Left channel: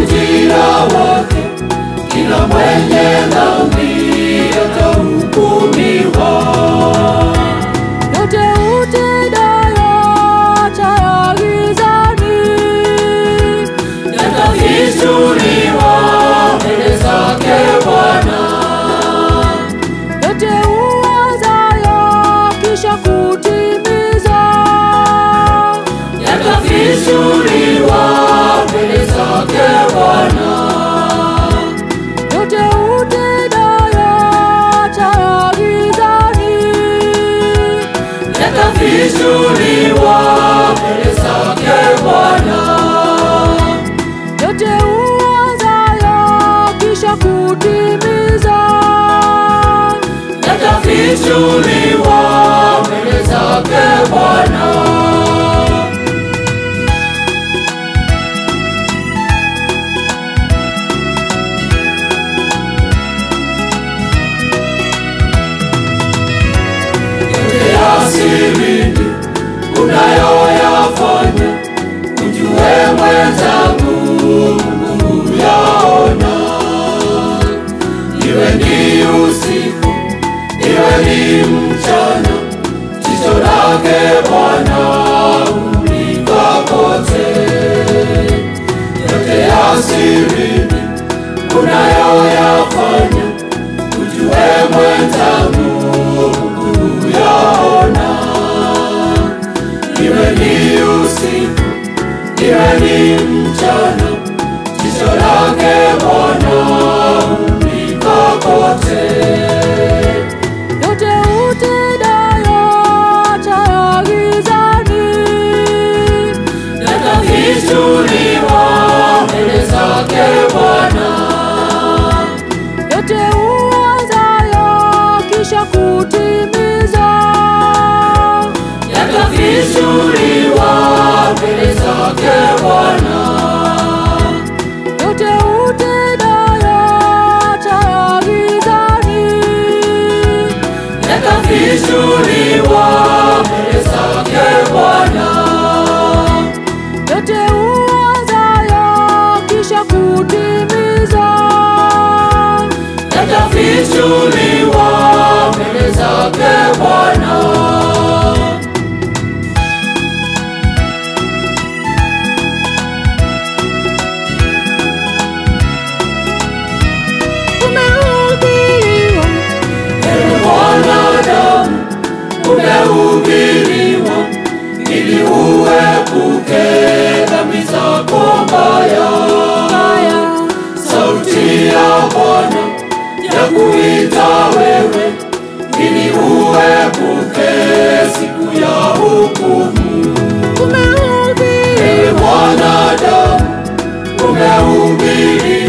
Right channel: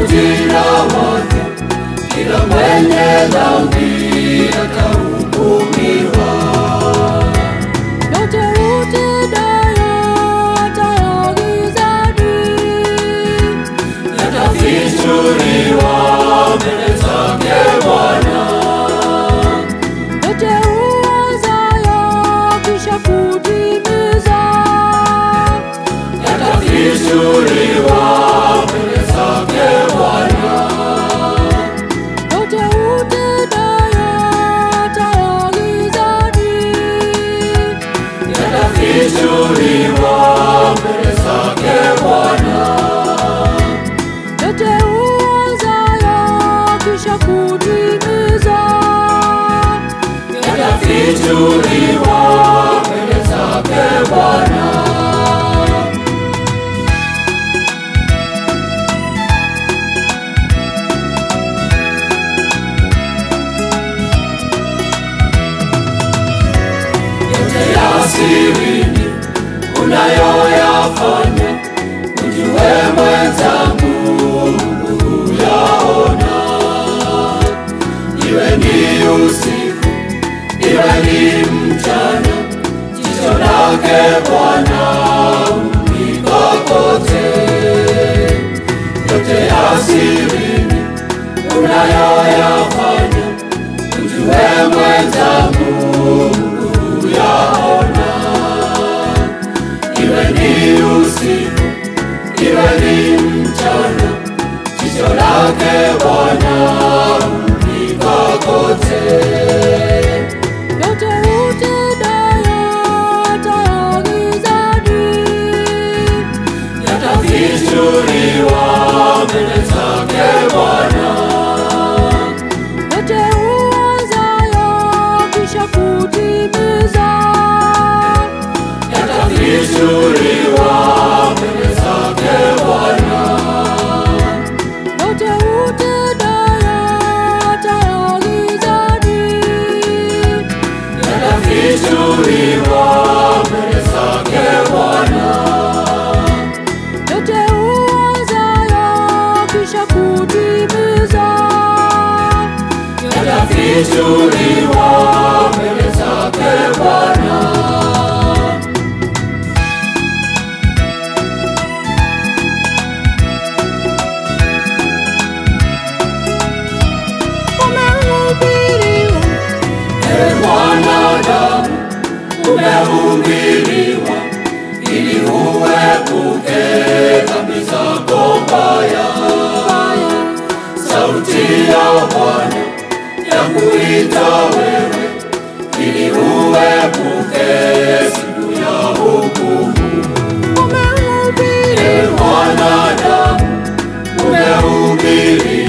ujira wake, kila mwenye dhambi atahukumiwa. Yote utendayo hata gizani yatafichuliwa mbele zake Bwana. yote uwazayo kisha kutimiza Yatafichuliwa mbele zake Bwana. yote utendayo hata gizani Yatafichuliwa mbele zake Bwana. yote uwazayo kisha kutimiza Yatafichuliwa mbele zake Bwana. Yote ya sirini unayoyafanya, ujue mwenzangu, Mungu yaona. Iwe ni usiku, iwe ni mchana, jicho lake Bwana humulika kote. Yote ya sirini unayoyafanya, ujue mwenzangu, Mungu yaona. Iwe ni usiku, iwe ni mchana, jicho lake Bwana humulika kote. yote utendayo hata gizani Yatafichuliwa mbele zake Bwana. yote uwazayo kisha kutimiza Yatafichuliwa mbele zake Bwana. yote utendayo hata gizani Yatafichuliwa mbele zake Bwana. yote uwazayo kisha kutimiza Yatafichuliwa mbele zake Bwana. umehubiriwa Ewe mwanadamu, umehubiriwa ili uepuke dhambi zako mbaya. Sauti ya Bwana ya kuita wewe ili uepuke siku ya hukumu. Ewe mwanadamu, umehubiriwa